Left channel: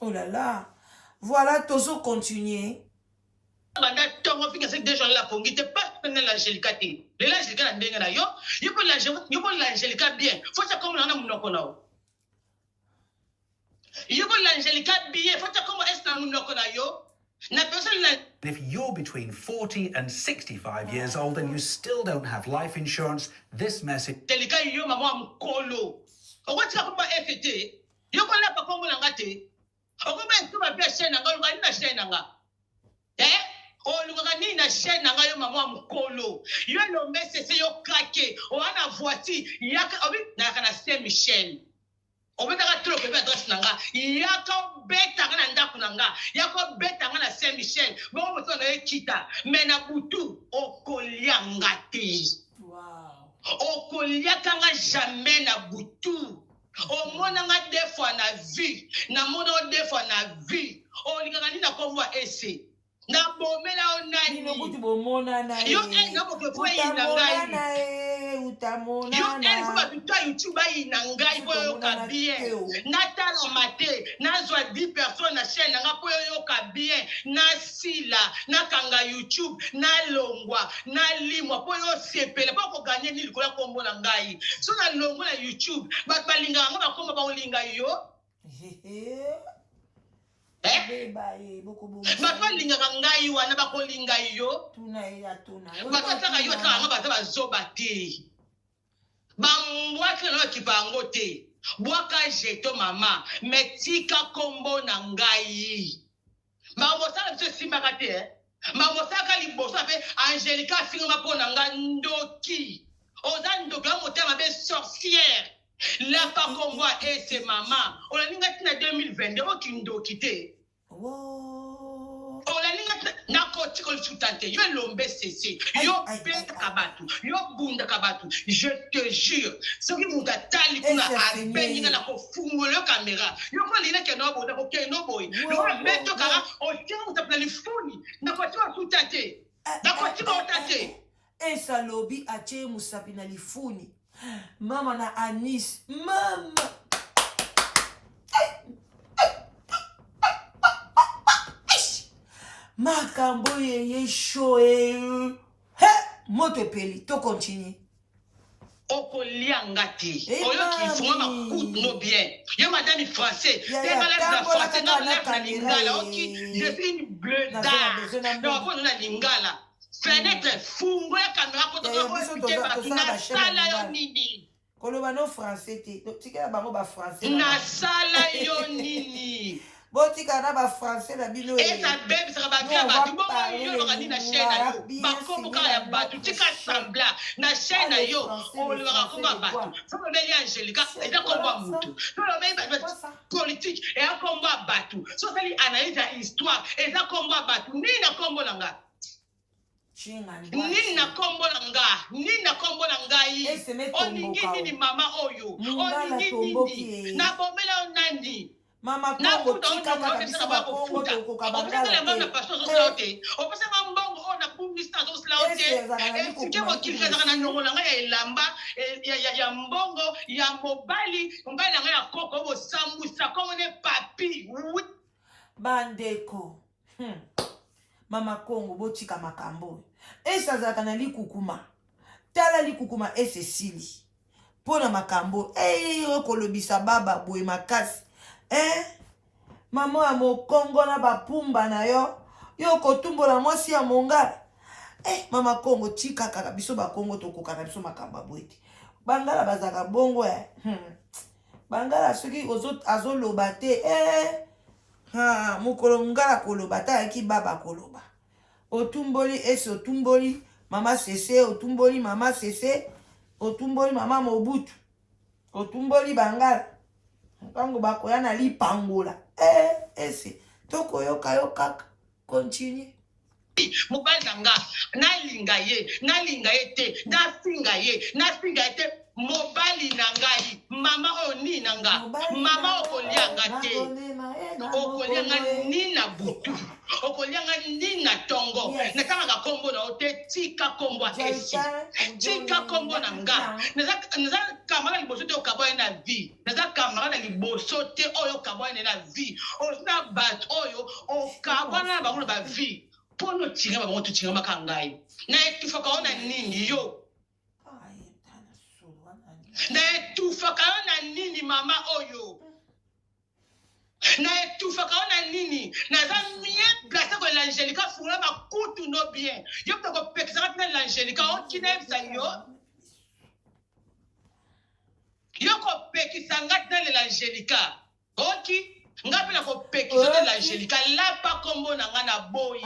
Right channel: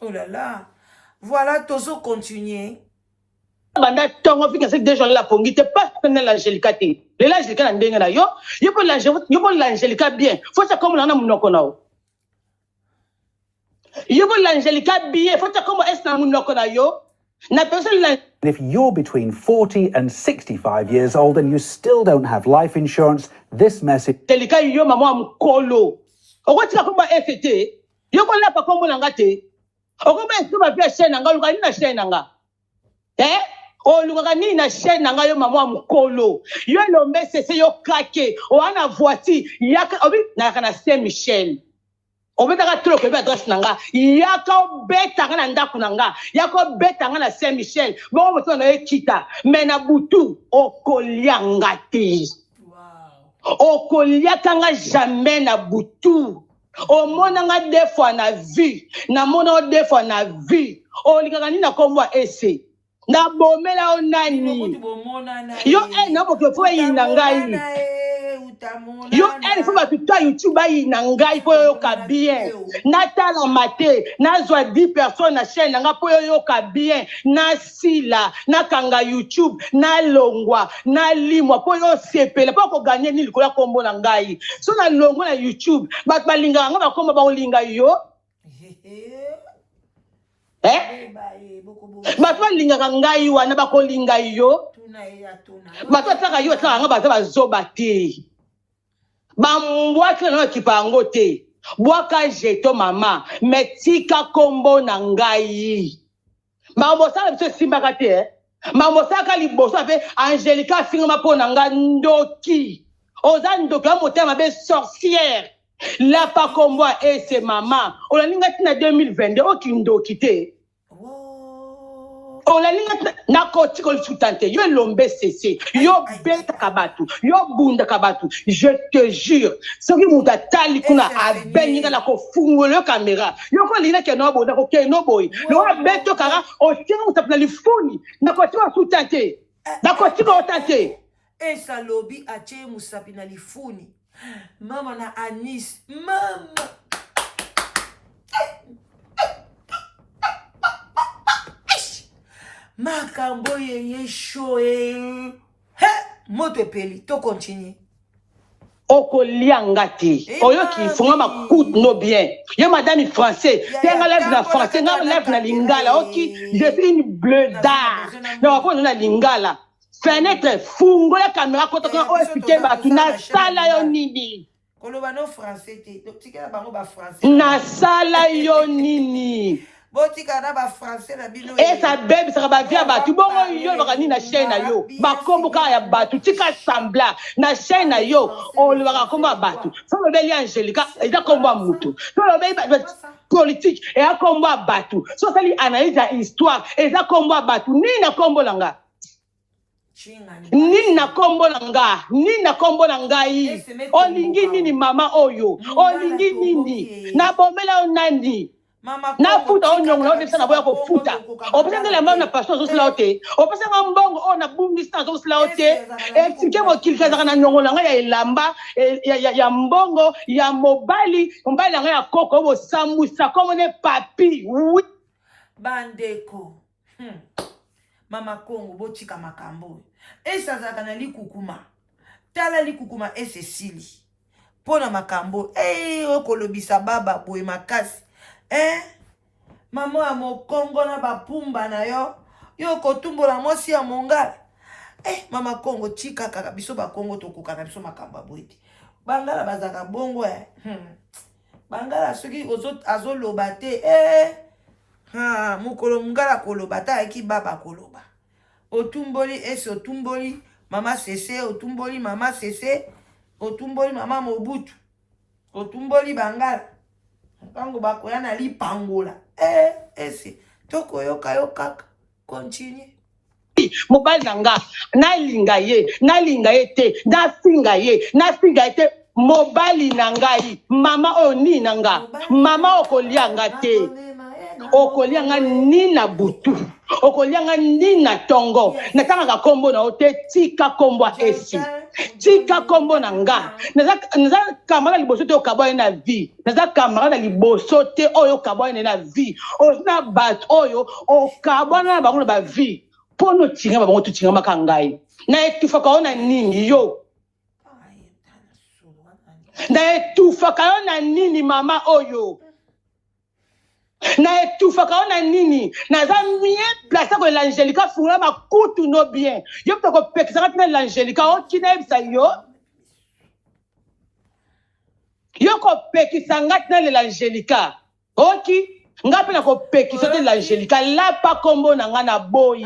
Oh là là. Voilà, Tozo continuer. Banda tongo fika c'est déjà la pongi te pas pendant l'angelica te. Le l'angelica na ndenga na yo. Yo pour l'angelica bien. Faut ça comme na munoko na o. Yo pour l'angelica bien. Faut ça comme est na munoko na yo. Na personne la. If you're between 40 and 65 years old and you still don't have life insurance, this message. Angelica yo mama mukolo. Okotika kuma FT. Yo ko la pa kombo na ngate. Okomba esuba pia chaîne nga luka ni na chaîne nga. O luka ni na chaîne nga yo mama mukolo. Yo lombe sese yo kake. O ana voiture yaka obi na kana Saint Michel. Obi taka trop ko be adresse nanga. Yaka beta kana ndaku nanga. Yaka beta kana Saint Michel. Bo mo tona ekita. Mena butu okolianga te. Wow. Okoliaka jamais na butu. O monanga deux fois na vie. Na mona deux fois na vie. O likaka ni na komwa ese. Na bomela o nani. Yo na boke fo yina ngai. Yo fo ba tuta YouTube yina ngai po yo ka bien. Na tala mate, na zwa 10 personnes na chaîne nga po yo ka bien. Na sila, na kanga YouTube, na longwa, na limwa po yo sepela po ko gagner ni likola kombo na ngai. So na longwa na YouTube, ba balinga nga ba komba ba olinga yo. Bato balingaka ngai wana bakolinga yo. Bato ataka yo ataka nga baza bazoba te. Bambwaki na kipa yango te. Bwaka jeto mama. Metika kombo na ngai. Mambosaka biso simbaka te. Mambosaka liboso ape Angelica fingama po na nga ndoki. Oza ndoki ya motema be sorcière. La pa kombo ese mama. Olaninga tina 2022 okindoki te. On la ligne na koti ko sutante yo lombe cessé yo beta kabatu yo bunda kabatu je te jure ce qui muta tali kuna abenga na ko fungolo caméra yo ko lina ke no boda ko ke no boy no beto kara o tira mutapla lifuni na koti ko sutante na koti ko tante esa lobi ache musapi na lifuni mama na anis mama makambo ye shoe he moto peli to continue okolianga te oyo ki fonga makut no bien yo madame français tenga lève na français na lève na lingala oki je suis une bleudard na ko na lingala fenêtre fungo la caméra ko to o expliquer ba tu na sala yo nini koloba no français te tikela bango ba français na sala yo nini botika na ba français na bino et ça bébé ça va via batu bongo yo baka ni na chaîne na yo ba kombo ka ya batu tika sambla na chaîne na yo on le baka kombo batu so le beli Angelica et da kombo mutu so le beli politique et a kombo batu so ça li analyse la histoire et da kombo batu ni na kombo langa ni na kombo langa ni na kombo langai olingi nini mama oyo olingi nini na bomela onandi na futa onyo na odesa na boya ko futa opesa la mama na pastor zo sla ote opesa nga mbongo o na bungista zo sla ote e tike mo kilika na nyongo na nga ya elamba ya mbongo ya mobali nga ya koko bo sambusa comme ne papi bandeko mama Kongo botika makambo esa zaka na likukuma tala likukuma esesili pona makambo okolobisa baba boye makasi mama ya mokongo na bapumba na yo yo kotumbola mwasi ya mongala mama Kongo tika kaka biso bakongo tokoka na biso makambo boyete bangala bazaka bongo bangala soki azoloba te mokolo mongala koloba ta yaki baba koloba otumboli esi otumboli mama sese otumboli mama sese otumboli mama Mobutu otumboli bangala kango bakoya na lipangola esi tokoyoka yo kaka continue mobali nanga nalinga ye te nasinga ye te mobali nangai mama oni nanga mama okolianga te okolianga ni na butu okolianga ni na tongo natanga kombo na ote tika kombo esi tika kombo na nga naza camarade liboso te okabwa na vie naza camarade liboso te oyo okabwa na vie osina bat oyo okabwa na bango na ba vie pono tinga bango tutinga makangai na etufaka ona nini yo na etufaka ona nini mama oyo na etufaka ona nini naza bien placé ko l'Angélica fura makutu no bien yo peko pekisa na l'Angélica okina ebisa yo ko pekisa ngatna l'Angélica oki ngapi na ko pekisa te l'Angélica la pa kombo na nga na boyi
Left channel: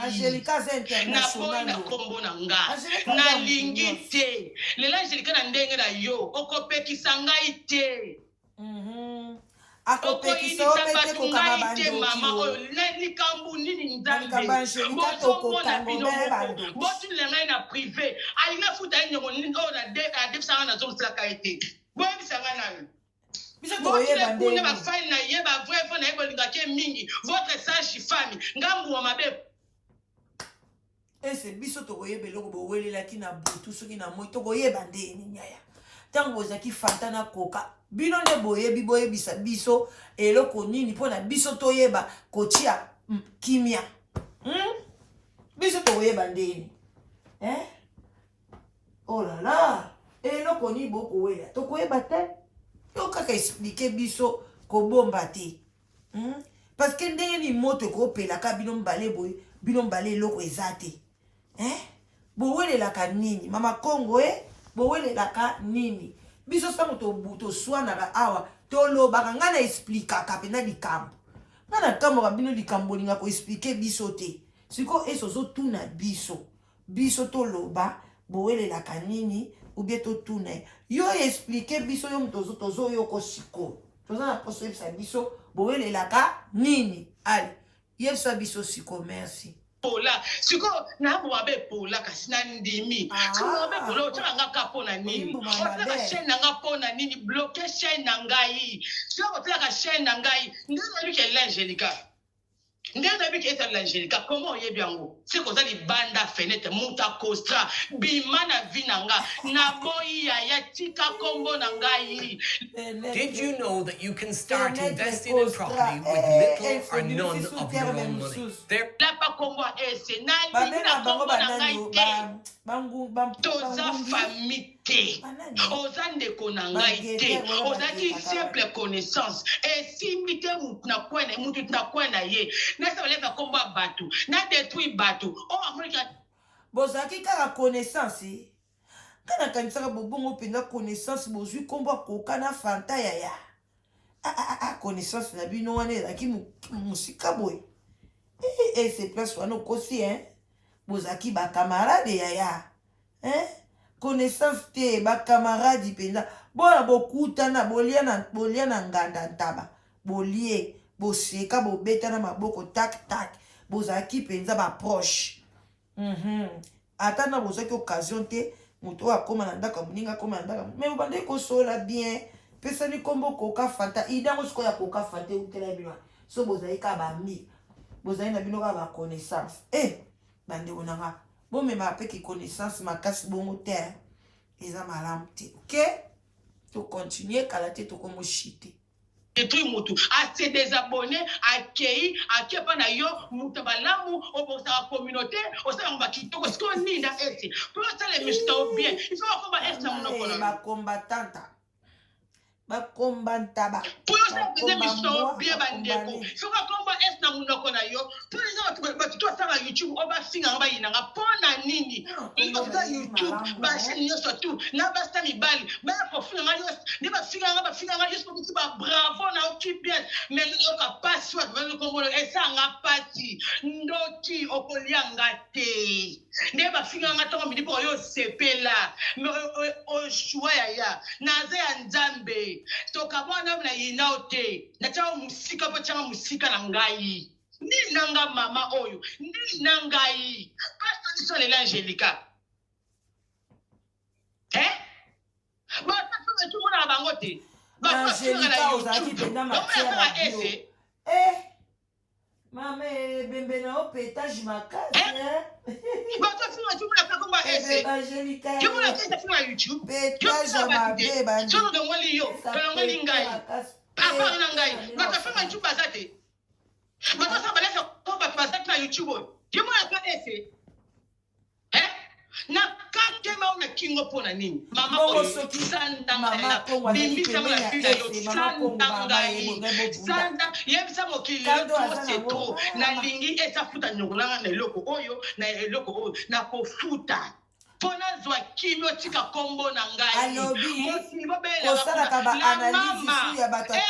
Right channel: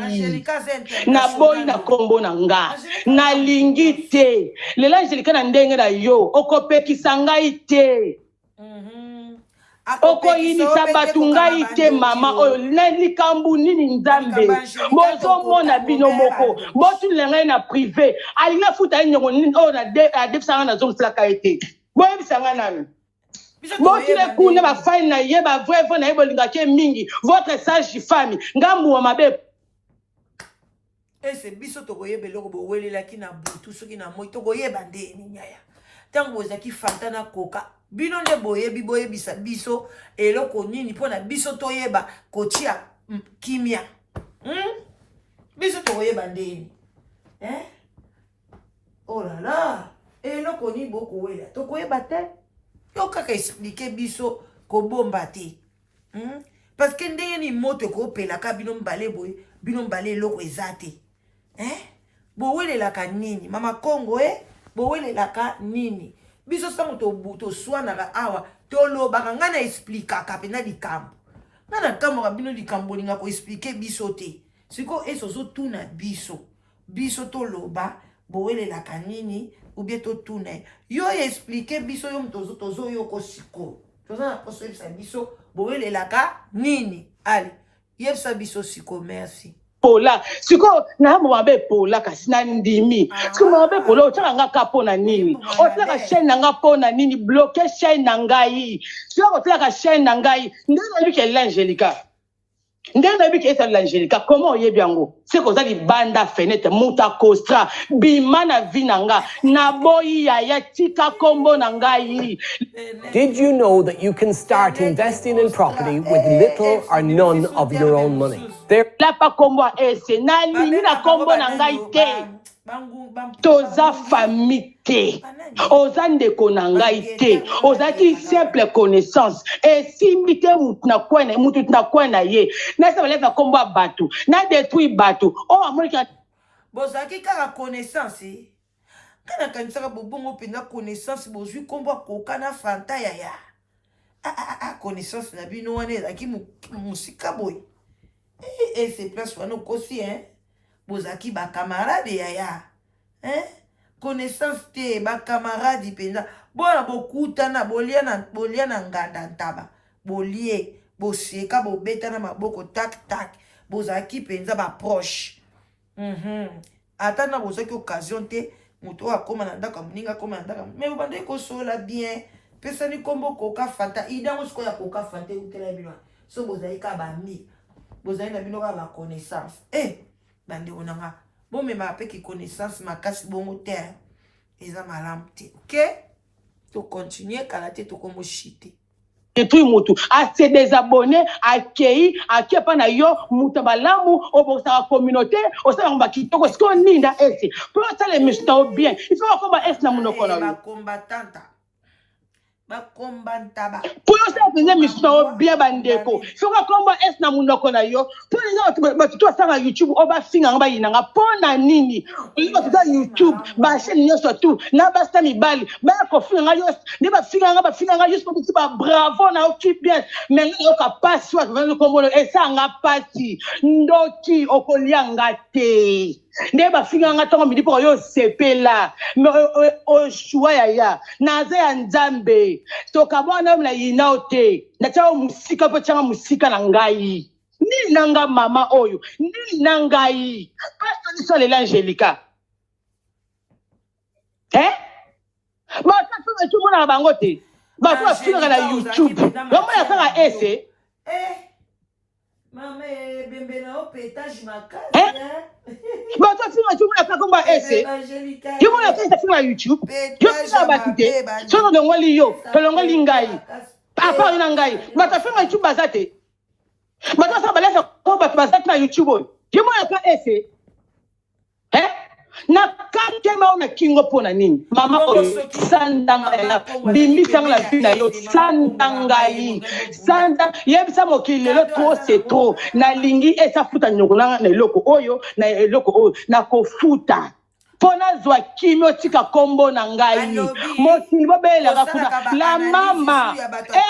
na boyi na kombo na nga na lingi te l'Angélica na ndenge na yo oko pekisa ngai te okoyinisa bato ngai te mama oyo na likambo nini nzambe bozomona bino moko botulela ngai na privé alinga futa nyongo nini oyo adefisanga na zomosalaka ye te boyebisanga nani botule kuna bafani na ye bavrai na ye bolingaki ye mingi votre sage femme ngambuwa mabe ese biso tokoyeba eloko bowelelaki na butu soki na moi tokoyeba ndeni nyaya ntango bozalaki fanta na koka bino nde boyebisa biso eloko nini mpona biso toyeba kotia kimia biso tokoyeba ndeni oh la la eloko nini bokowela tokoyeba te yo kaka explike biso kobomba te parce que ndenge ni moto ekopelaka bino mbale boye bino mbale eloko eza te bowelelaka nini mama Kongo bowelelaka nini biso sango toswanaka awa tolobaka nga na explikaka pena likambo nga na nkamboka bino likambo olinga koexplike biso te siko ozotuna biso toloba bowelelaka nini ubie totuna yo explike biso yo tozoyoko sikoyo toza na poso yebisa biso bowelelaka nini ali yebisa biso siko merci pola siko na mabe pola kasi na ndimi siko mabe pola otaka nga kapo na nini otaka chaîne na nga po na nini bloquer chaîne na ngai siko otaka chaîne na ngai ndena bike l'Angélica ndena bike l'Angélica comment oyebi yango siko za libanda fenêtre muta costra bima na vie na nga na boyi ya tika kombo na ngai. Did you know that you can start investing in property with little or none of your own money? La pa kombo ese na lini na kombo na ngai te toza famille te oza ndeko na ngai te ozaki simple connaissance esimbi te mutu na kwena ye na sa baleka kombo ya bato na détruit bato o amonika bozalaki kaka connaissance kana kanisaka bobongo mpenza connaissance bozwi kombo akoka na fanta yaya connaissance na bino wana ezalaki mosika boye c'est place wana okosi bozalaki bacamarade yaya connaissance te bacamarade mpenza bona bokutana bolia na nganda ntaba bolie boseka bobeta na maboko tak bozalaki mpenza baproche ata na bozwaki occasion te moto oyo akóma na ndako moninga akóma na ndako me bobandeki kosola bien pesani kombo koka fanta idango sikoyo ya koka fanta eutela bino so bozali ka bami bozali na bino kaka baconnaissance bandeko nanga bomemaka mpe kiconnaissance makasi bongo te eza malamu te ke tocontinue kala te tokomoshite détruit mutu ase désabonné akei pa na yo mutu balamu obosaka communauté osala ngba kitoko siko ninda ese pour ça les méchants bien il faut komba ese na munoko na bakombatanta bakombantaba pour ça faisait méchant bien bandeko il faut komba ese na munoko na yo pour les ba tout ça na YouTube oba finga ngba yinanga pona nini il va faire YouTube ba chaîne yo surtout na ba sami bali ba ko finga yo ne ba finga juste pour dire bravo na occupe bien mais yo capable soit venir kombo et ça nga parti ndoti okolianga te ne ba finga nga tongo midi pour yo sepela mais o choix ya naze ya nzambe to kabona mla yinaote na chao musika po changa musika na ngai ni nanga mama oyo ni nangai pastor ni sole l'Angélica ba ta tu mona bango te ba ko finga na YouTube ba mona sanga ese Mama bembe na opetage makasi Bah toi filme tout le monde comme ba ese. Tu vois que ça filme à YouTube. Je fais ba tite. Sono de ngoli yo, to ngoli ngai. Papa ina ngai. Ba ta filme YouTube bazate. Ba ta sa balesa ko ba bazate na YouTube. Je vois que ese. Na kakema una kingo pona nini mama oyo sandanga ela bimbisa la fina yo sandanga yi sanda yebisa mokili le trop c'est trop na lingi esa futa nyokolanga na eloko oyo na eloko oyo na kofuta pona zwa kimio tika kombo na ngai mokili bobela bafuta la mama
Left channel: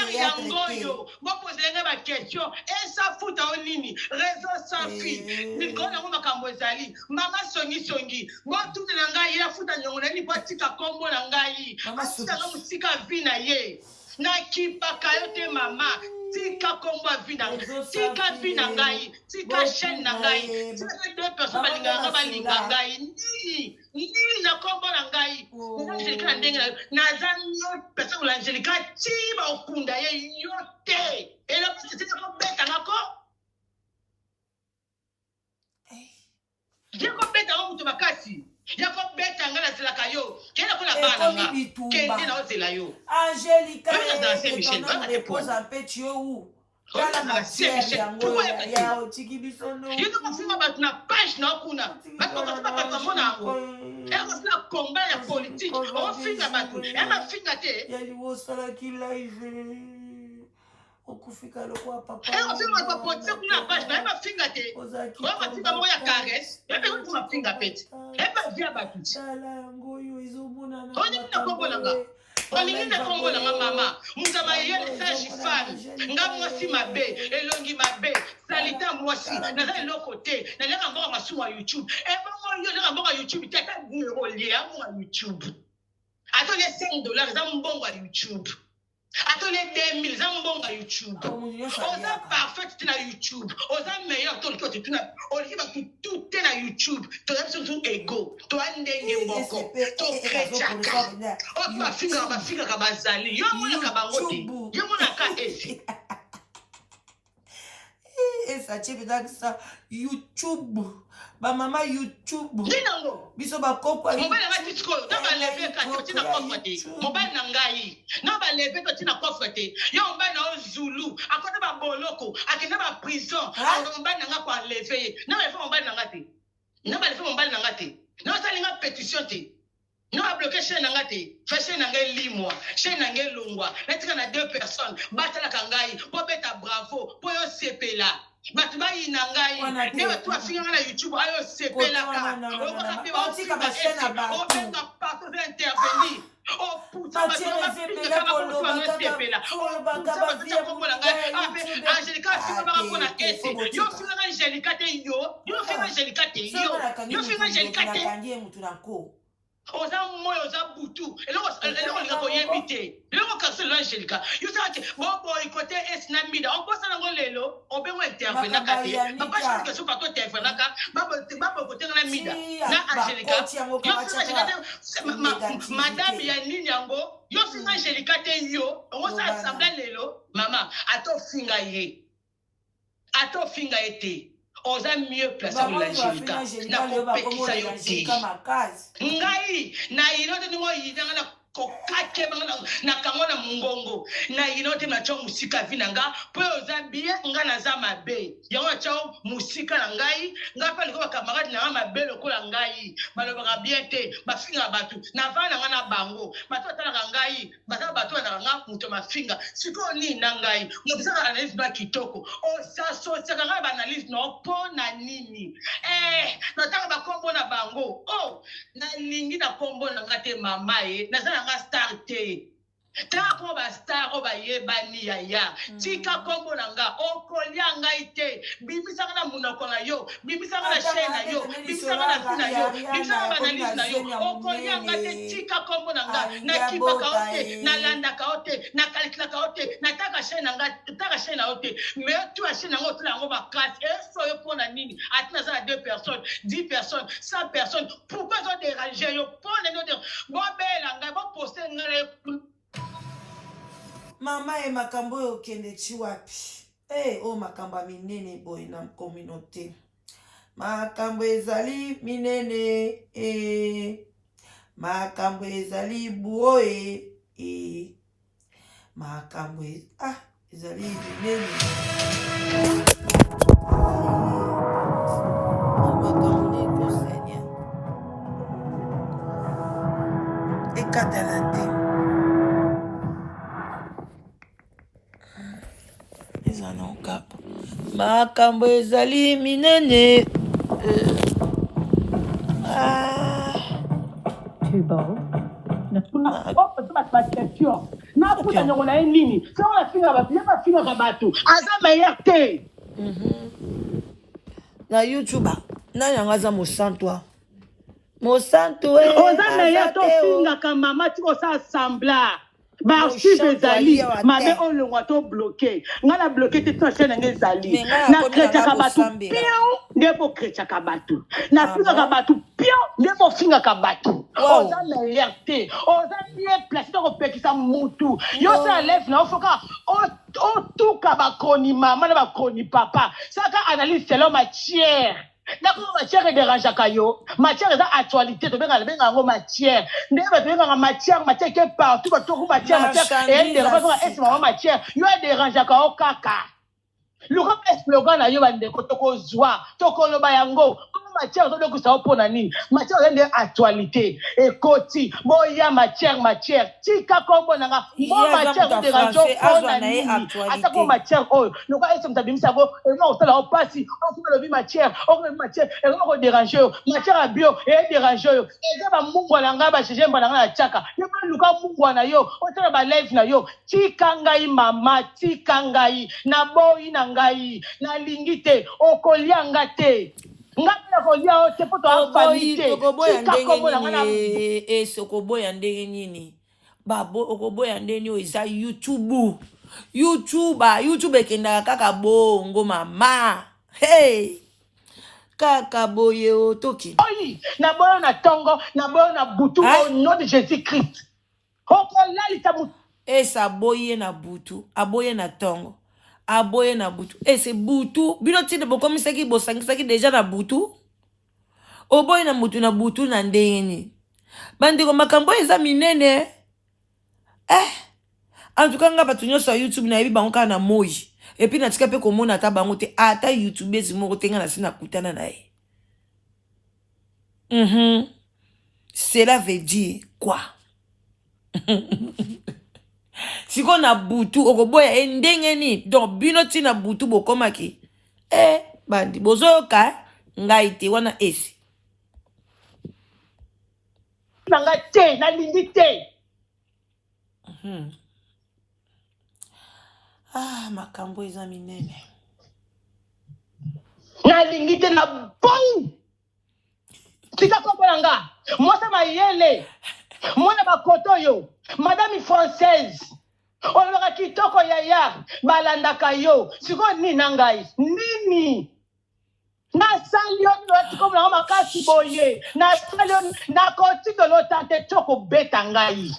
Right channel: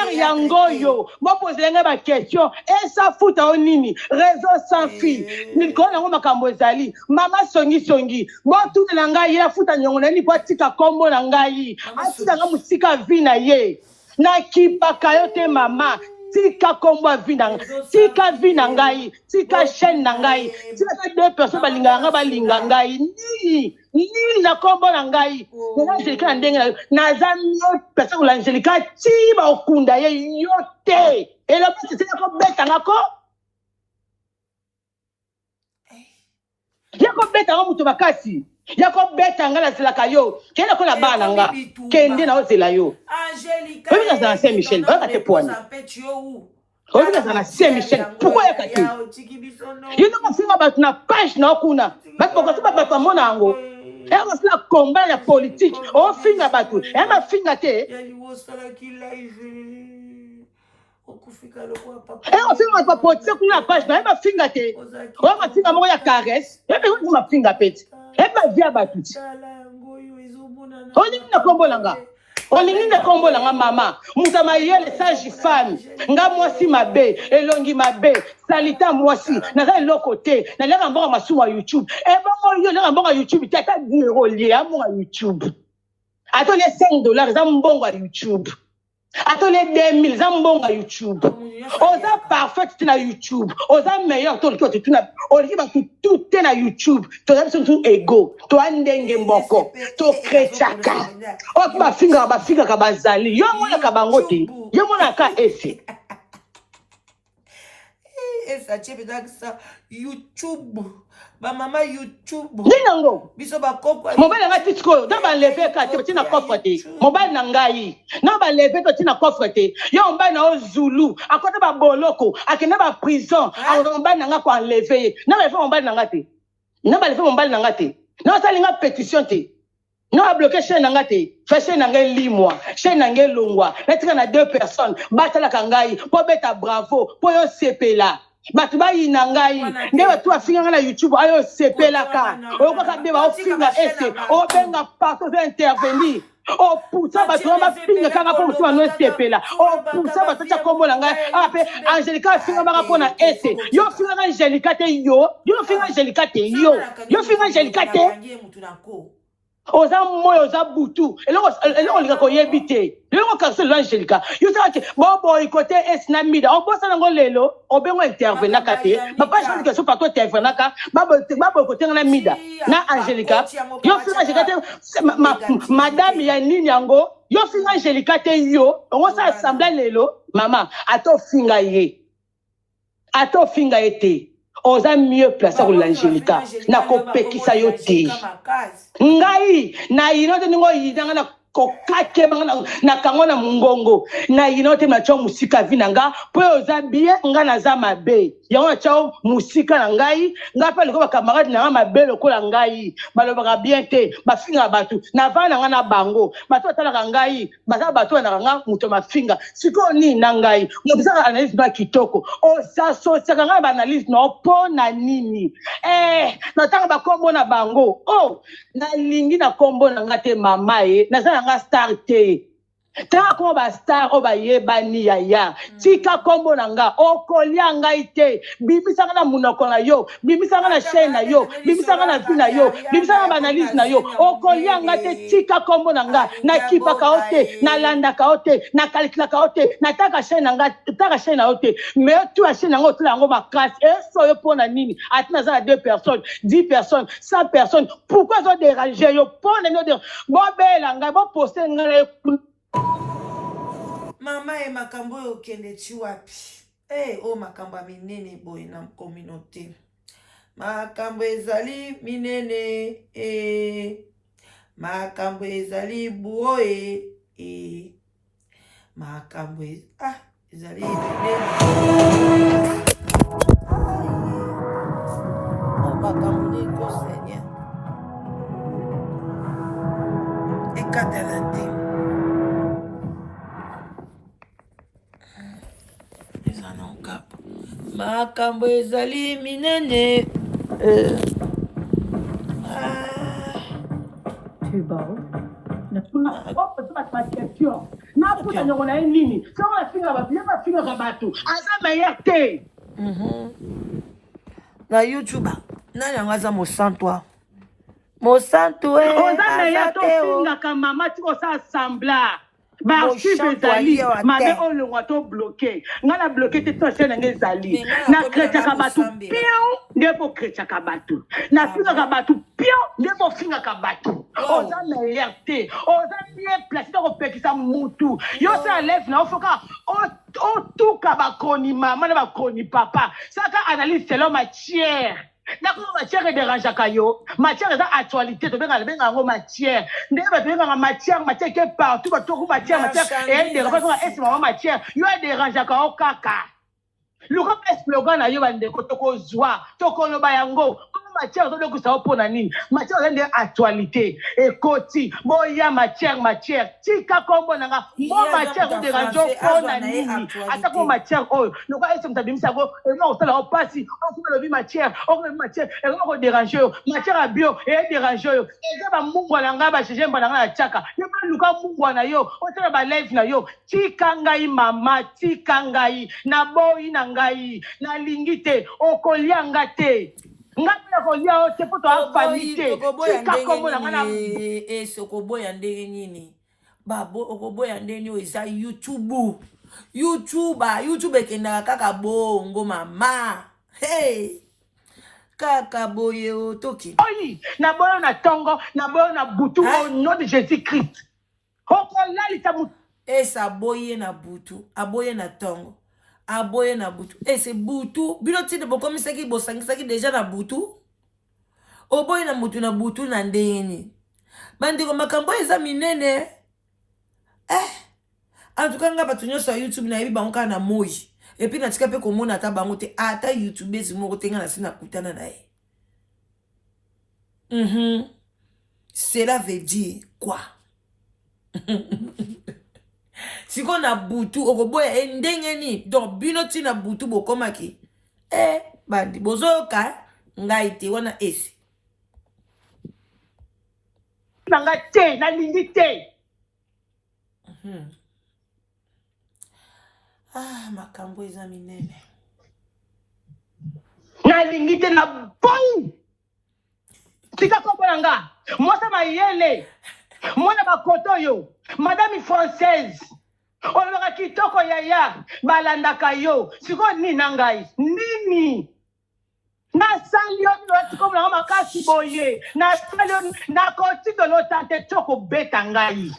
yangoyo bopozelenge ba question esa futa o nini réseau sans fil nikona ngo makambo ezali mama songi botunela ngai ya futa nyongo na ni po tika kombo na ngai atika nga musika vi na ye na kipaka yo te mama tika kombo vi na tika vi na ngai tika chaîne na ngai tika deux personnes balinga ngai nini na kombo na ngai na Angelica na ndenge na zamio personne la Angelica ti ba okunda ye yote et la petite c'est ko beta ngako yako beta ngo muto bakasi yako beta ngala zelaka yo kenda ko na bana nga kende na ozela yo Angelica oui na Saint-Michel ba te poana oui na Saint-Michel pourquoi yakati yo no singa ba na page na kuna ba ko ba mona ngo elle va faire combat la politique on finga batu elle va finga te on finga pas politique kuna page na elle va finga te on va finga mo ya caresse elle va finga pete elle va via batu on est na kombo langa olingi na kombo nanga mama mutama yele sage femme nga mwasi mabe elongi mabe salita mwasi naza eloko te nalenga mbongo masumu ya YouTube ebongo yo lenga mbongo ya YouTube tata 10 € lia mbongo ya YouTube atole $5 za mbongo ya YouTube atole 2000 za mbongo ya YouTube oza parfait na YouTube oza meilleur to to tuna oliki ba tout na YouTube to ya biso ego to andenge mboko to krechaka o ba finga ka bazali yo mona ka bango te yo mona ka ese esa chepeta sa YouTube ba mama YouTube ninango biso ba kokwa mobile nga titiko da ba lever ka te tina coffre te mobile na ngai na ba lever to tina coffre te yo mba na Zulu akota ba boloko akena ba prison mobile na nga ko enlever na ba lever mobile na nga te na ba lever mobile na nga te na sali nga pétition te na ba bloquer chaîne na nga te fa chaîne na nga limwa chaîne na nga longwa na tika na 2 personnes batala ka ngai po beta bravo po yo sepela batu bayina ngai nde batu afinga na YouTube ayo sepelaka okoka be ba ofinga ese obenga partout va intervenir o puta batu ba finga kaka po mutu ano sepela o puta batu ta kombo na ngai ape Angelica finga baka pona ese yo finga na Angelica te yo finga Angelica te yo finga Angelica te oza moyo oza butu eloko linga koyebite eloko kasi lo Angelica yo saka bobo ikote esna mida obosa nango lelo obengo intervenaka te papa je que so pato intervenaka babo kote na mida na Angelica yo finga Angelica te madame ya nini yango yo finga Angelica te yo on sa assemblée lelo mama ato finga ete oza mieux placé pour l'Angelica na kopekisa yo te ngai na inote ningo yidanga na kokake na kango na mungongo na inote na cho musika vinanga po oza bien nga na za mabe yango cho musika na ngai nga pa liko ba camarade na mabe lokola ngai balobaka bien te bafinga batu na vana nga na bango batu atala ngai baza batu na nga muto mafinga siko ni na ngai ngobisa analyse ba kitoko o sa so saka nga ba analyse no po na nini na tanga ba kombo na bango na lingi na kombo na ngate mama na nga star te ta ko ba star o ba yebani ya tika kombo na nga okolia ngai te bibisa na munoko na yo bibisa na chaîne na yo bibisa na vie na yo bibisa na analyse na yo okolia ngai te tika kombo na nga na kipaka ote na landa ka ote na calcula ka ote na taka chaîne na nga taka chaîne na ote mais tu as chaîne na ngo tula ngo makasi eso yo pona nini atina za 2 personnes 10 personnes 100 personnes pourquoi zo déranger yo pona no de bo bela ngai bo poster ngai mama makambo okende chi wapi Oh makambo minene boy na communauté. Makambo ezali minene makambo ezali boye makambo ezali minene makambo niko Seigneur ekatala te ezana okapa makambo ezali minene Tu es beau. question. Na kuta nyongo na nini? Sio nafinga ba, bien nafinga ba batu. Aza meilleur te. Na YouTube, na yanga za mosanto. Mosanto Oza meilleur to finga ka mama ti ko sa assembla. Ba archive ezali, mabe olongwa to bloqué. Ngala bloqué te to chaîne ngezali. Na krecha ka batu pion, ndipo krecha ka batu. Na finga ka batu pion, ndipo finga ka batu. Oza meilleur te. Oza bien placé to ko pekisa mutu. Yo sa lève na ofoka o tuka ba koni mama na ba koni papa. Saka analyse selon matière. D'accord, matière est dérangeante kayo. Matière est actualité. Tu benga benga ngo matière. Ndé ba benga matière qui est partout. Ba to matière et dérangeante ko est ma matière. Yo est dérangeant ka o kaka. Luka slogan na yo ba ndeko toko zwa. Toko loba yango. Matière to ko sa opona nini. Matière est actualité. Ekoti boya matière. Tika kombo nanga. Mo matière to dérangeant opona nini. Atako matière oyo. Luka est mtabimisa go. E mo osala opasi. On ko lobi matière. On ko matière. E ko déranger yo. Matière a bio et déranger yo. Eza ba mungu nanga ba cheje mbana na chaka. Yo ba luka mungu na yo. O tala ba live na yo. Tika ngai mama, tika ngai na boyi na ngai na lingite okolianga te. Ngapela kolia o te poto afamite. Tika komo na ngana sokoboya ndenge nini. Babo okoboya ndenge yo eza YouTube ekendaka kaka bongo mama. Hey. Kaka boye o toki. Oyi, na boyo na tongo, na boyo na butu au nom de Jésus-Christ. Okolali mutu. Esa boye na butu, aboye na tongo. Aboye na butu. C'est butu. Bino tide bokomi saki bosangaki déjà na butu. Oboye na mutu na butu na ndeni. Bandeko makambo eza minene. En tout cas nga batu nyonso YouTube na yebi bango na moji. Et puis na tika pe komona ata bango te ata YouTube ezimo tenga na sina kutana na ye. Cela veut dire quoi? Si on a butu okoboya ndenge ni donc bino ti na butu bokomaki bandi bozoka ngai te wana esi nanga te na lingi te makambo eza minene na lingi te na bon tika kombola nga mwasa mayele mwana bakoto yo madame française olobaka kitoko yaya balandaka yo siko nini na ngai nini nasali yo ninoatikomolanga makasi boye nasali yo nakotikela ota te tokobeta ngai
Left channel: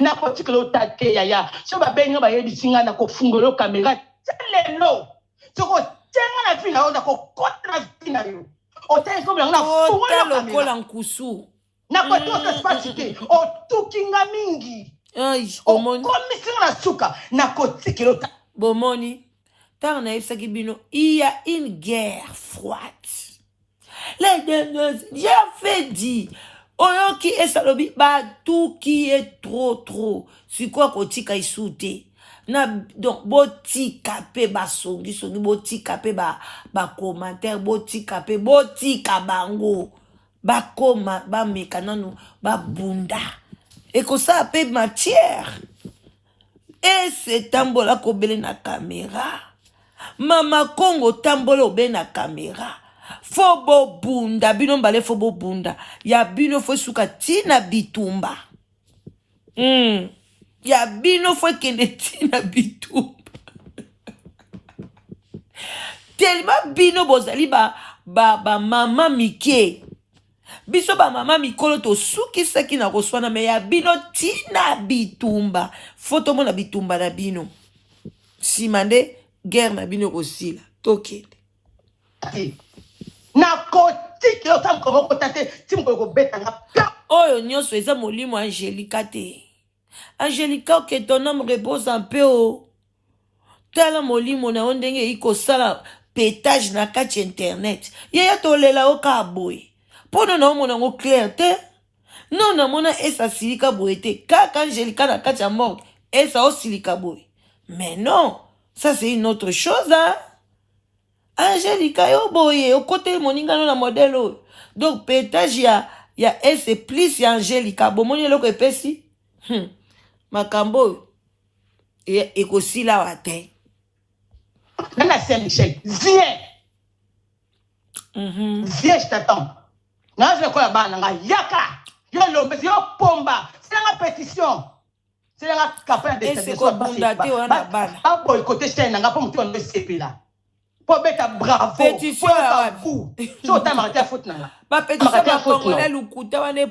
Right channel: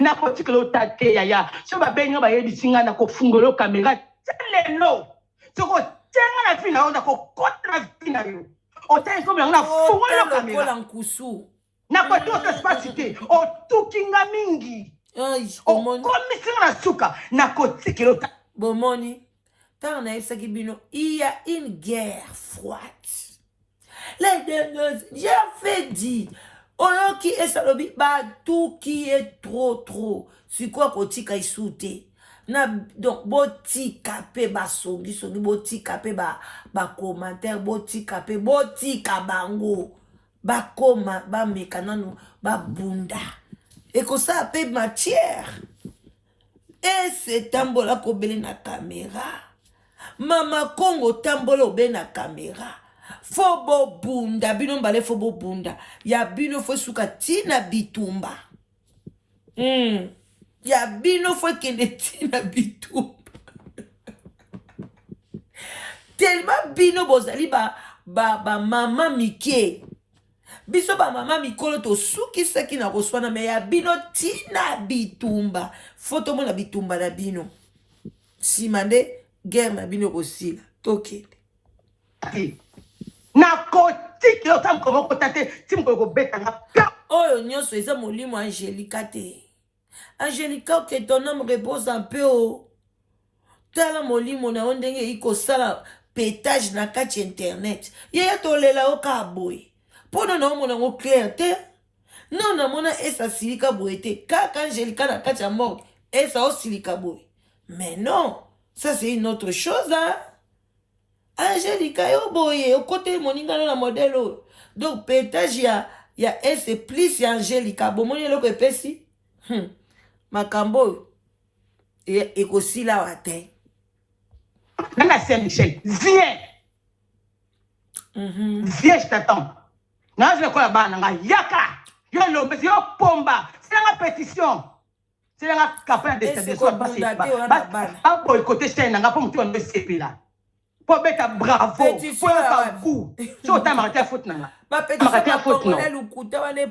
nakotikela ota te yaya so babengi yo bayebisi ngai nakofungola yo kamera te lelo tokotenga na vi na yo nakokota na vi na yo otangikomolanga nafungola yo kamera nkusu nakoti otespasi te otukinga mingi okomisinga na suka nakotikela ota bomoni tant na yebisaki bino il y a une guerre froide les deux j'ai fait dit oyoki esalobi tout qui est trop sikoyo kotika isute na donc botika pe basongi botika pe ba commentaire botika pe botika bango bakoma bameka nanu babunda ekosala pe matière ese tambola kobele na caméra mama Congo tambola obe na caméra fo bobunda bino mbale fo bobunda ya bino fo suka tina bitumba ya bino fo kende tina bitumba tellement bino bozali ba mama mike biso ba mama mikolo to suki saki na koswana me ya bino tina bitumba foto mona bitumba na bino simande guerre na bino kosila tokende na kotiki yo tam ko tate tim ko betanga oyo nyonso eza molimo Angelica te Angelica que ton âme repose en paix o tala molimo na ondenge ikosala pétage na kati internet yaya tolela oka boye pono na omona ngo clair te non na mona esa silika boye te kaka Angelica na kati ya morgue esa osilika boye mais non ça c'est une autre chose hein Angelica yo boye o côté moningano na modèle oyo donc pétage ya ese plus ya Angelica bomoni eloko epesi makambo oyo ekosila wa te Nana Saint-Michel, viens. Viens, je t'attends. Non, je ne crois pas. Yaka. Yo l'homme, yo pomba. C'est la pétition. C'est la campagne de stabilisation. Pas boycotter chaîne, n'a pas monté en CP là. Pour mettre bravo. Pour faire coup. Si on t'a marqué à faute là. Pas pétition. Marqué à faute là.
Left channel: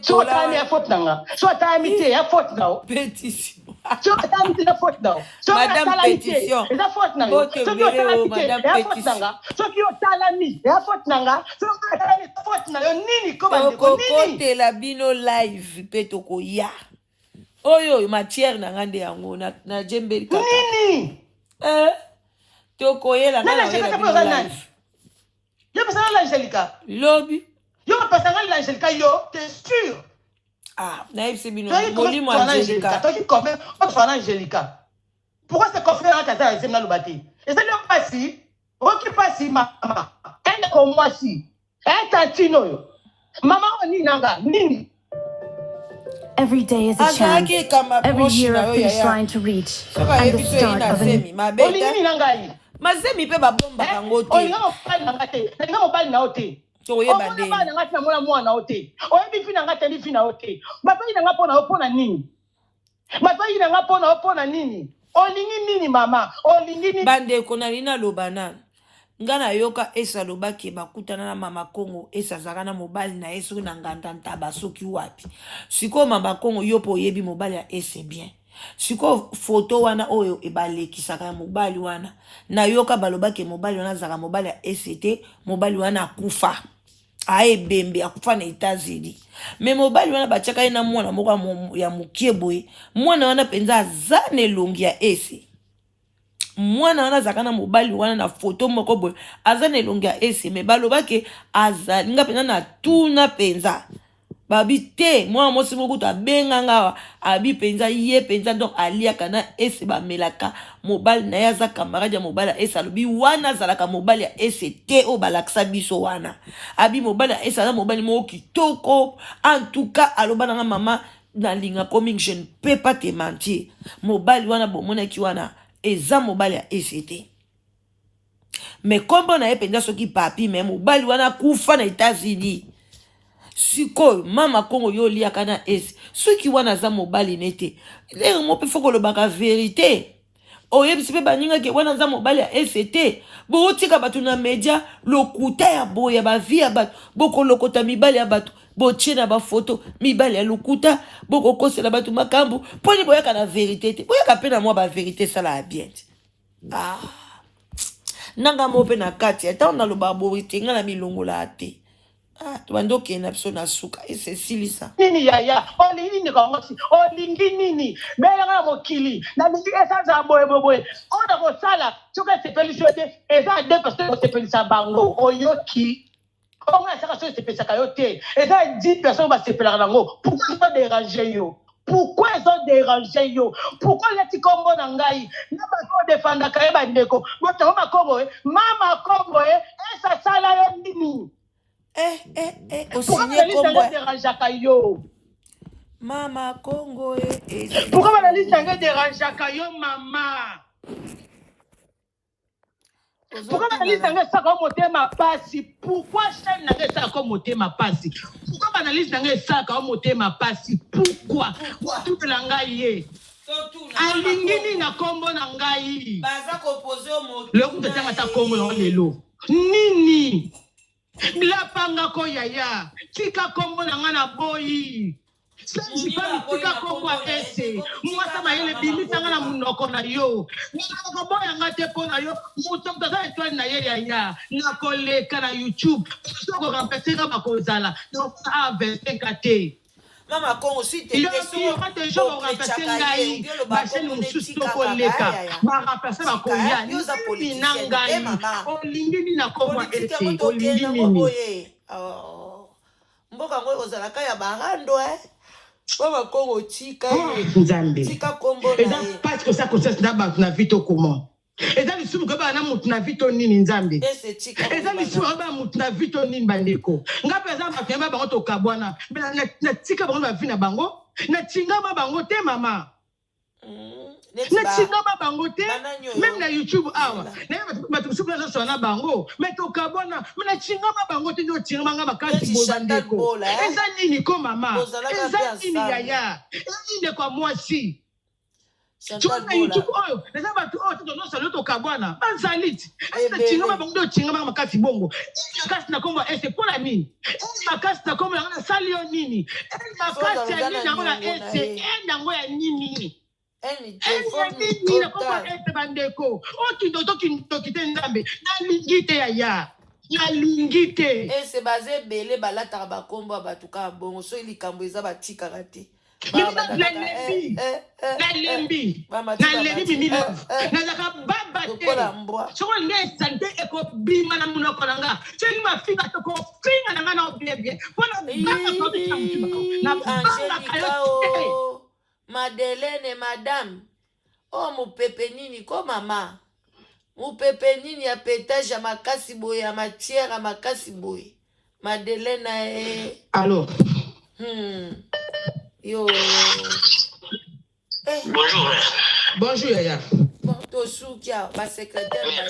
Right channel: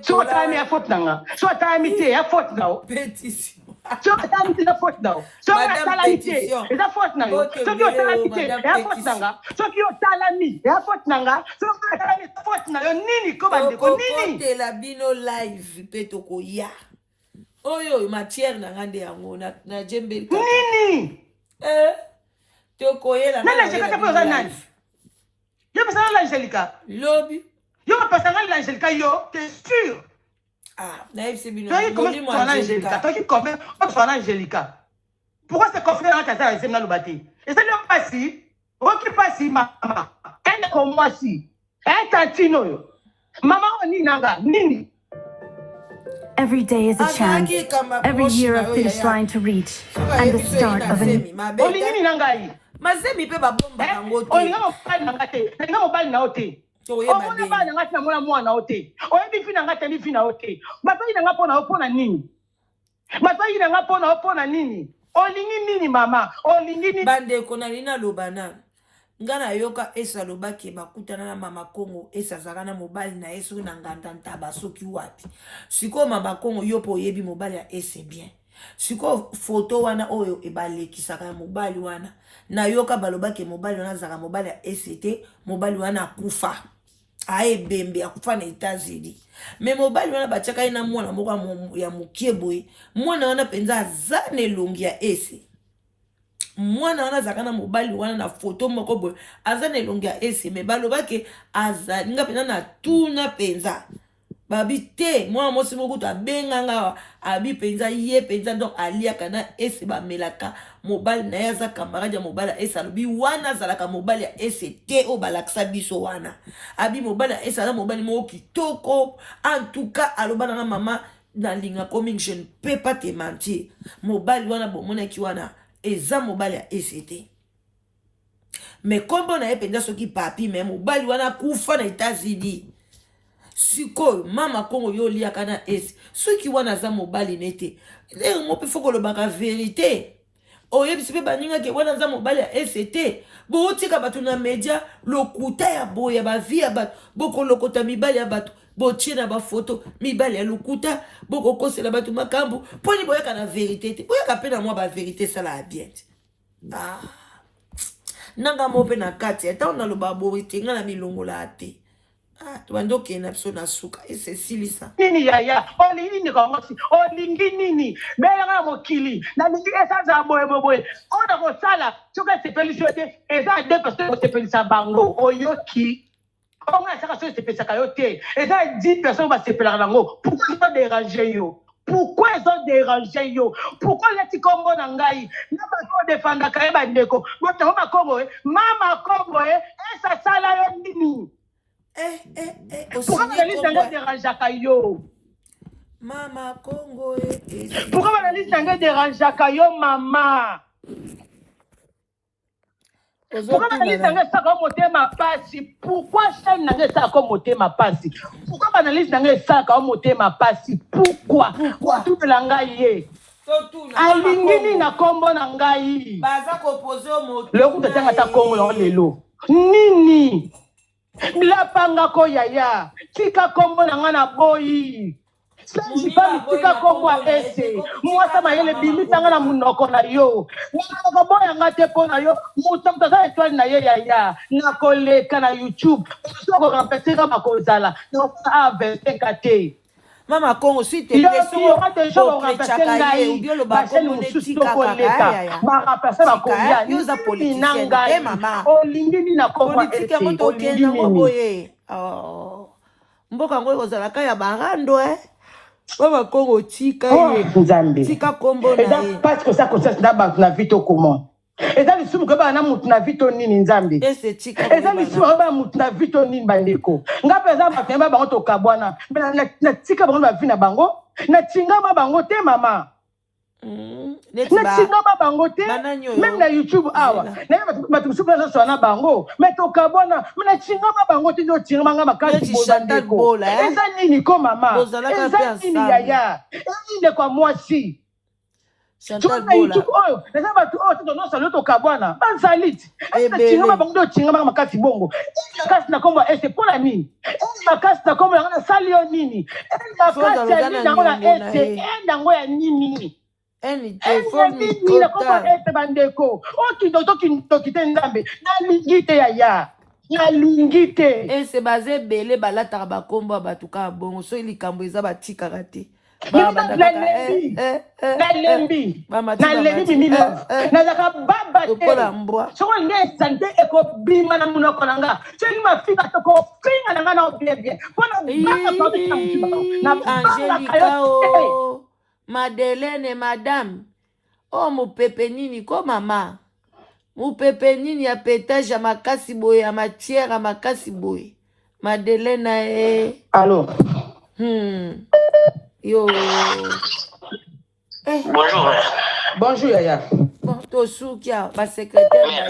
Si on t'a mis à faute là. Si on t'a mis à faute là. Pétition. So tamiti na faute now. So talamiti. Eza faute na yo. So ki talamiti. Ya faute nanga. So ki talami. Ya faute nanga. So talami faute na yo nini ko bande ko nini. Ko la bino live peto ko ya. Oyo matière na ngande yango na jembeli ka. Nini. To ko yela na Angelica po za nani. Yo pesa na Angelica. Lobi. Yo pesa na Angelica yo, t'es sûr? Ah, naïf bino. Molimo Angelica. Toi qui confie on Angelica. Pourquoi c'est confié dans ta tête na lobati? Et ça ne pas si. OK pas si maman. Elle comme moi si. Elle tantino yo. Maman oni nanga nini. Every day is a chance. Every year a finish line to reach. And the start of a new... Olingini nangai. Mazemi pe ba bomba kango te. Olinga mobali nanga te. Olinga mobali na ote. Omona ba nanga tina mona mwana ote. Oyebi fina nanga te fina ote. Bapai nanga pona nini? Bapai nanga pona nini? Olingi nini mama? Olingi nini? Bande konalina lobana. Ngana yoka esa lobaki bakutana na mama Kongo esa zakana mobali na esu na nganda ntaba soki wapi. Siko mama Kongo yopo yebi mobali ya ese bien. Siko photo wana oyo ebaleki saka mobali wana. Na yoka balobaki mobali wana zaka mobali ya ST, mobali wana akufa. Ae bembe akufa na États-Unis. Mais mobali wana bachaka ina mwana moko ya mukie boye. Mwana wana penza zane longi ya ese. Mwana wana zakana mobali wana na photo moko boye. Azane longi ya ese. Me balobaki azali nga penza na tuna penza. Babi te mwana mosi moko to abenga ngawa abi penza ye penza donc aliaka na ese ba melaka mobali na yaza camarade ya mobali ese alobi wana zalaka mobali ya ese te o balaksa biso wana abi mobali ya ese ala mobali moko kitoko en tout cas alobana nga mama na linga coming je ne peux pas te mentir mobali wana bomona ki wana eza mobali ya ese te mais kombo na ye penza soki papi mais mobali wana kufa na États-Unis. Siko mama Kongo yo liaka na esi soki wana za mobali nete lero mo pe foko lo baka vérité oyebisi pe baninga ke wana za mobali ya ST bo tika batu na media lokuta ya boya ba via bat boko lokota mibali ya batu bo chena ba photo mibali ya lokuta boko kosela batu makambu poni boyaka na vérité te boyaka pe na moi ba vérité sala bien ah nanga mo pe na kati ata na lo ba borite nga na milongola ate. Ah, tu vas donc qu'il y a une personne à souka et c'est silisa. Nini yaya, olingi ni kongosi, olingi nini, mela mokili, na nini esa za boye. On a kosala, tuka sepeli sote, esa deux personnes sepeli sa bango, oyoki. On a saka so sepeli sa kayote, esa 10 personnes va sepeli bango. Pourquoi ils ont dérangé yo? Pourquoi ils ont dérangé yo? Pourquoi les petits Congo nangai? Na ba ko défendre ka ba ndeko. Boto mama Congo esa sala nini? Pourquoi la liste dérange yo? Mama Congo pourquoi la liste dérange yo mama? Pourquoi la liste ça comme motema pasi? Pourquoi chaîne n'a ça comme motema pasi? Pourquoi la liste ça comme motema pasi? Pourquoi? Tout la ngai alingini na kombo na ngai. Baza composé au mot. Le coup de tanga ta kombo na lelo. Nini? La panga ko yaya tika kombo na nga na boyi Senji fami tika kombo ese. Mwasa mayele bimitanga na munoko na yo. Mwaka boya ngate po na yo. Mutamta za etwali na ye ya. Na koleka na YouTube. Soko kampeseka makozala. Na a 25 te. Mama Congo, si tu il y aura des gens qui vont remplacer Ngai, Bachen Moussous Tokoleka, va remplacer ma Koya, Ninangai, Olingini na Komba Ete, Olingini. Mboka ngo ozalaka ya barando Mama Congo tika Nzambe. tika kombo Et là parce que ça consiste na vito comment. Et là lisum ko ba na mutu na vito nini Nzambe. Et là lisum ko ba mutu na vito nini bandeko. Nga pesa ba fema bango to kabwana. Na tika bango ba vina bango. Na tinga ba bango te mama. Na tinga ba bango te. Même na YouTube awa. Na ba tu super so na bango. Mais to kabwana. Na tinga ba bango te no tinga manga makasi bo bandeko. Eza nini ko mama. Eza nini yaya. Eza kwa mwasi. Tu vois, YouTube, oh, les gens oh, non, ça l'autre kabwana, banzalit. Est-ce que tu n'as pas bon de tinga ma makasi bongo? La casse na kombo c'est pour la mine. La casse na kombo na salio nini. La casse ya nini na ngona c'est na ngoya nini. Nini na kombo bandeko. Oh, tu te ndambe. Na lingite ya. Na lingite. C'est basé belé balata ba kombo batuka bongo so likambo eza batika raté. Na lembi mimi love na zaka baba te so nge sante eko bima na munoko nanga cheli mafinga to ko finga nanga na obie bona baba pa de chamutima na baba kayo Madeleine madame oh mo pepe nini ko mama mo pepe nini ya pétage ya makasi boye ya matière ya makasi boye Madeleine allô Yo. Bonjour. Bonjour Yaya. Tosukia, pas secrétaire.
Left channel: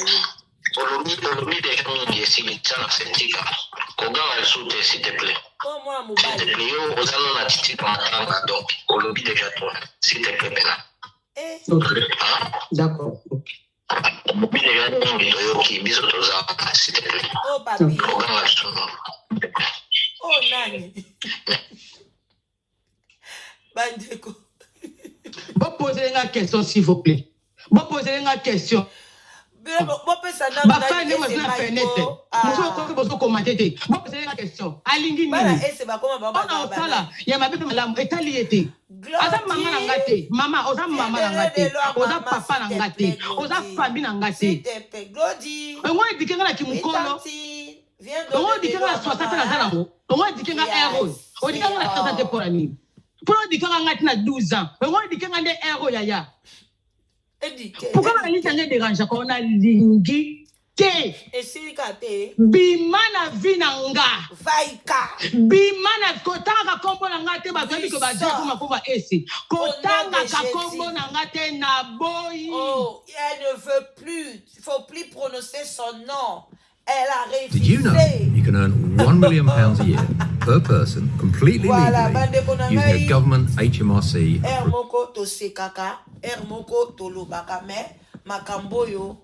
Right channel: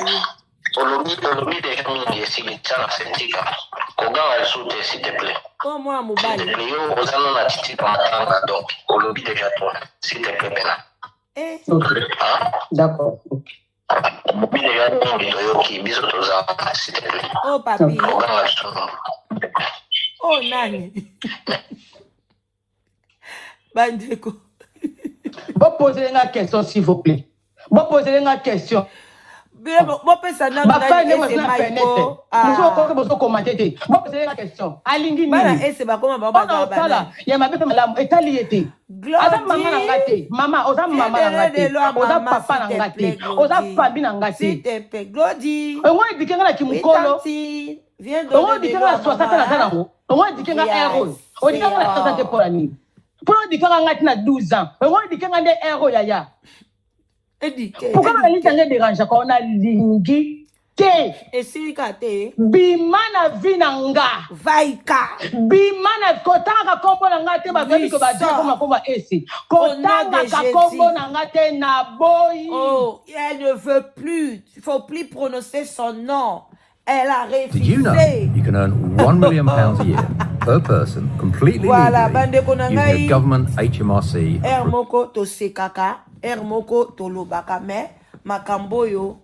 Olobi déjà mingi esilitana sentika. Koganga lisuute s'il te plaît. Oh moi S'il te plaît, yo ozana na titika matanga donc. Olobi déjà toi, s'il te plaît pena. Ok. D'accord. Olobi déjà mingi toyoki biso toza s'il te plaît. Oh papi. Koganga lisuute. Oh nani. Bandeko. Bon poser une question s'il vous plaît. Bon poser une question. Ma femme ne m'a pas fait net. Vous avez commenté. Bon poser une question. Alingi nini. On a au sala. Il y a ma belle madame. Etaliété. Oza maman nangate. Maman, oza maman nangate. Oza papa nangate. Oza famille nangate. On a dit que na kimukolo. On a dit que na 60 na zanango. On a dit que na héros. On dit que na 60 pour la nuit. Pour dire qu'on a 12 ans, on dit qu'on a des héros, yaya. Pourquoi on a dit qu'on a dérange quand on a lingi te? Bimana vinanga. Vaika. Bimana kotanga kombo nanga te bazali ko bazia koma komba esi. Kotanga ka kombo nanga te na boy. Oh, elle ne veut plus. Il faut plus prononcer son nom. Elle a refusé. Did you know you can earn £1 million a year per person completely legally using a government HMRC approved? Moko to sekaka, moko to lobaka me makamboyo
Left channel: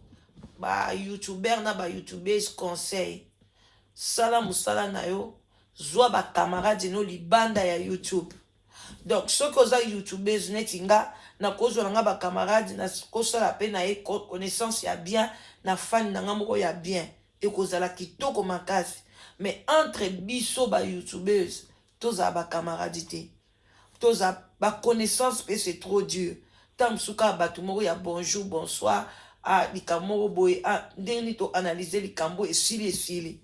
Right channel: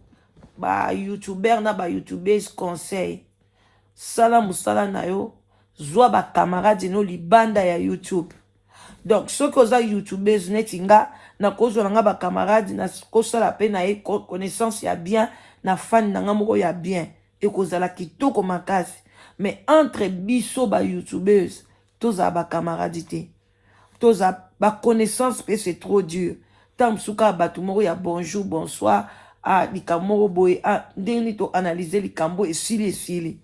ba YouTuber na ba YouTubers conseil. Sala musala na yo zwa ba camarade no libanda ya YouTube. Donc ceux qui ont YouTubers netinga na kozo nga ba camarade na kosala pe na e connaissance ya bien na fan na ngamoko ya bien. Et kozala kitoko makasi mais entre biso ba youtubeurs toza ba camaradité toza ba connaissance pe c'est trop dur tam suka batumoro ya bonjour bonsoir a likamoro boy a ndeni to analyser likambo et sili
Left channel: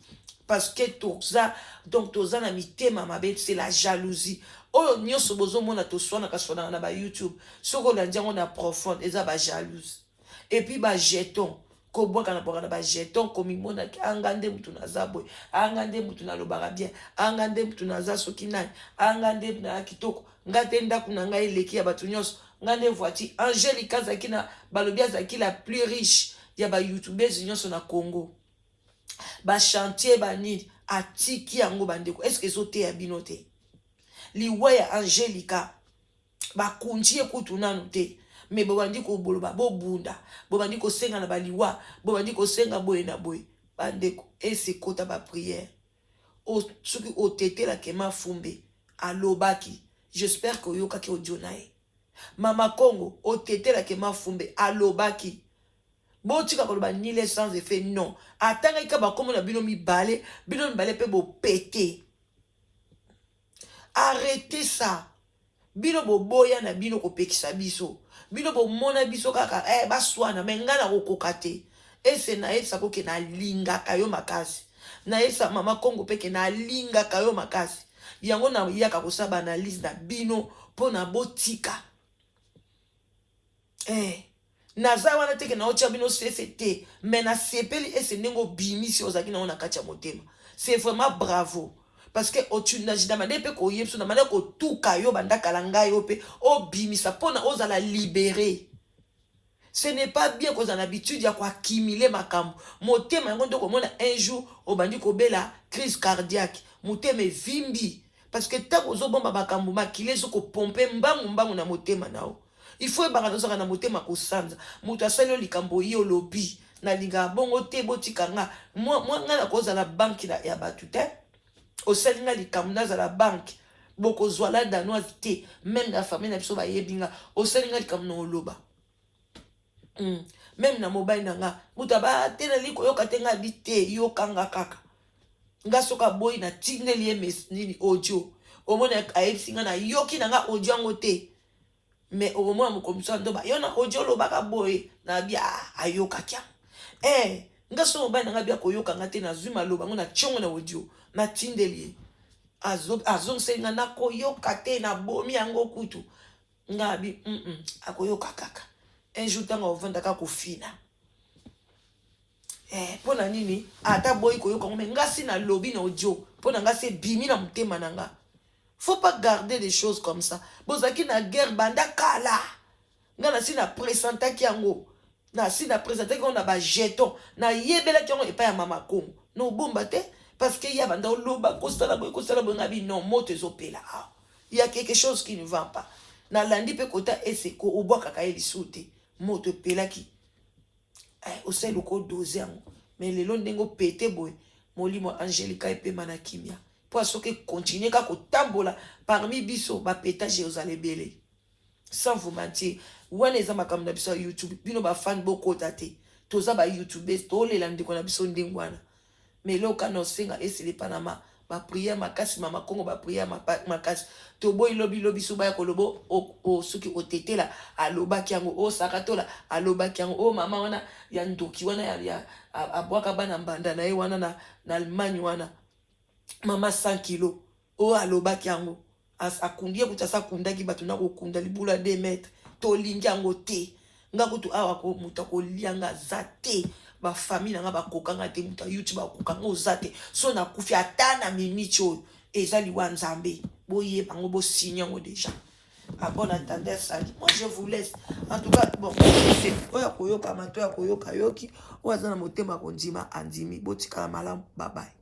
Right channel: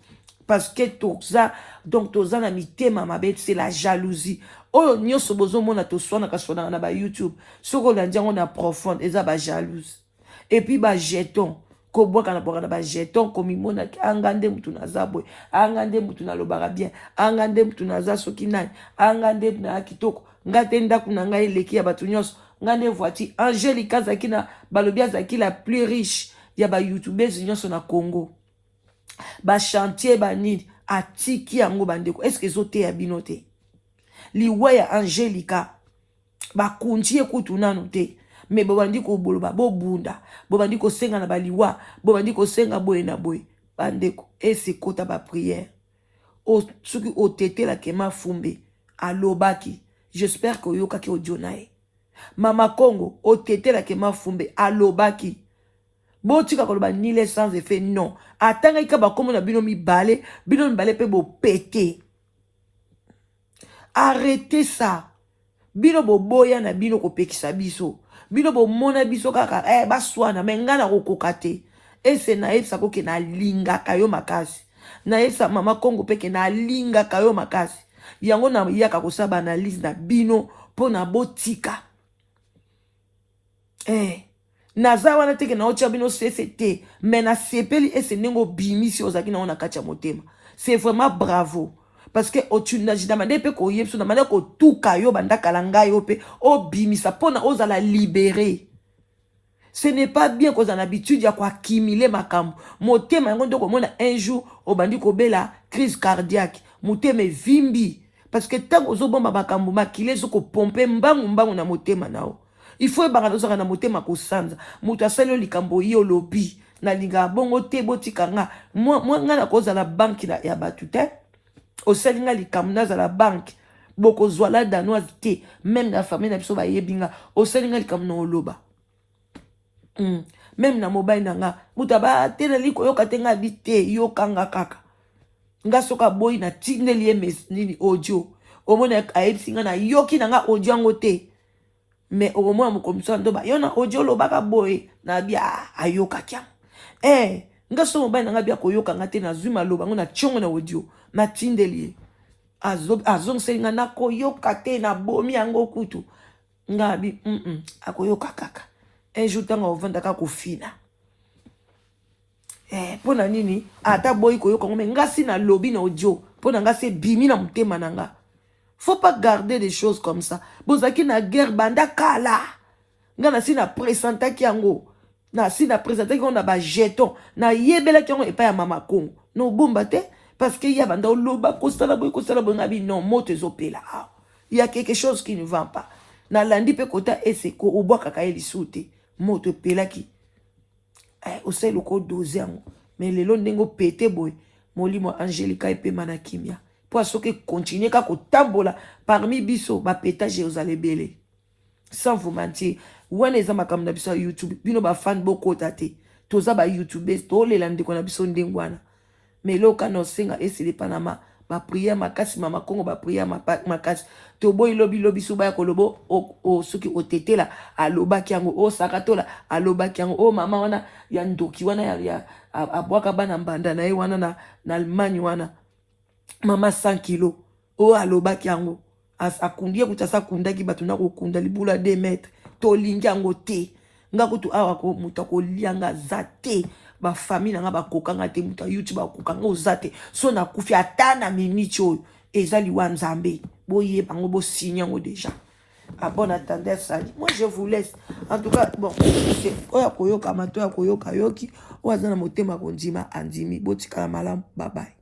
parce que toza donc toza na mitema mabe c'est la jalousie oyo nyoso bozo mona to sona ka sona na ba YouTube soko na ndango na profonde eza ba jalouse et puis ba jeton ko boka na boka na ba jeton ko mimona angande mutu na zabwe angande mutu na lobaka bien angande mutu na za soki nani angande na kitoko ngate ndaku na ngai leki ya batu nyonso ngande voiture Angelica Zakina balobia zaki la plus riche ya ba youtubers nyonso na Congo ba chantier ba nid atiki yango bandeko est-ce que zote ya binote liwa ya Angelica ba kunjie kutu nanu te mais bobandi ko boloba bo bunda bobandi ko senga na baliwa bobandi ko senga boye na boye bandeko ese kota ba prière o suki o tete la kema fumbe alobaki j'espère que oyokaki audio na ye. Mama Congo otetelaki Mafumbe alobaki botika koloba nile sans effet non atanga ka bakomo na bino mibale pe bo pété. Arrêtez ça. Bino bo boya na bino ko pekisa biso. Bino bo mona biso kaka baswana mengana ko kokate. Ese na esa ko ke na linga kayo makasi. Na esa Mama Congo peke na linga kayo makasi. Yango na yaka ko saba analyse na bino po na botika. Naza wana teke na ocha bino CCT mais na sepeli ese nengo bimisi ozaki na ona kacha motema. C'est vraiment bravo. Parce que otuna jidamande pe ko yepso na mane ko tuka yo bandaka langa yo pe o bimisa pona ozala libérer. Ce n'est pas bien qu'on a l'habitude ya ko accumuler makambo. Motema ngo ndoko mona un jour obandi ko bela crise cardiaque. Motema vimbi parce que tant ozo bomba makambo makile zo ko pomper mbangu na motema nao. Il faut baradoza na motema ko sanza. Muta selo likambo yo lobi na linga bongo te botikanga. Moi ngana koza na banki na ya batute. Au selinga likamna za la banque boko zwala danoise te même la famille na biso ba yebinga au selinga likamna oloba même na mobile nanga mutaba tena liko yoka tenga bite yokanga kaka nga soka boy na tineli emes nini audio omona aipsinga na yoki nanga audio ngote mais omona mukomisa ndoba yona audio lobaka boy na bia ayoka kya nga so mobile nanga bia koyoka ngate na zuma loba ngona chongo na audio na tindeli azong senga na koyoka te na bomi yango kutu ngabi akoyoka kaka ejutanga ovanda ka kufina pona nini ata boy koyoka ngome ngasi na lobby na audio pona ngasi bimi na mutema nanga. Faut pas garder des choses comme ça. Bozaki na guerre banda kala ngana sina presenta ki yango na sina presenta ki on a ba jeton na yebela ki yango epa ya Mama Congo no bomba te. Parce qu'il y a dans l'oba, non, il y a quelque chose qui ne va pas. Na landi pe kota ese ko obo kaka eli soute. Moto pelaki. O se loko 12 ans. Mais le ndingo pété boy. Molimo Angelica et pe manakimia. Pour ce que continuer ka ko tambola parmi biso ba pétage aux alebele. Sans vous mentir, when les ama comme na biso YouTube, bino ba fan boko tate. Toza ba YouTubers to le landi ko na biso ndingwana. Mais là, quand on sing et c'est les Panama, ma prière, ma casse, Mama Congo, ma prière, ma casse. Tobo, lobby, souba, kolobo, o, ce qui au tété là, à loba kiango, o, sakatola, à loba kiango, o, maman, wana, yandoki, wana, ya, à boakabana, bandana, wana, na Allemagne, wana, maman 100 kilos, o, à loba kiango, à kundia, kutasa kunda, ki batuna, kunda, libula 2 mètres, to lingiango te, nga kutu awa ko, mutako lianga zate, ba famille nga ba kokanga te muta YouTube ba kokanga ozate so na kufi atana minicho ezali wanzambe boye bango bo signer ngo déjà à bon entendeur ça. Moi je vous laisse en tout cas bon c'est oya koyoka mato ya koyoka yoki oza na motema konjima andimi botika malamu bye bye.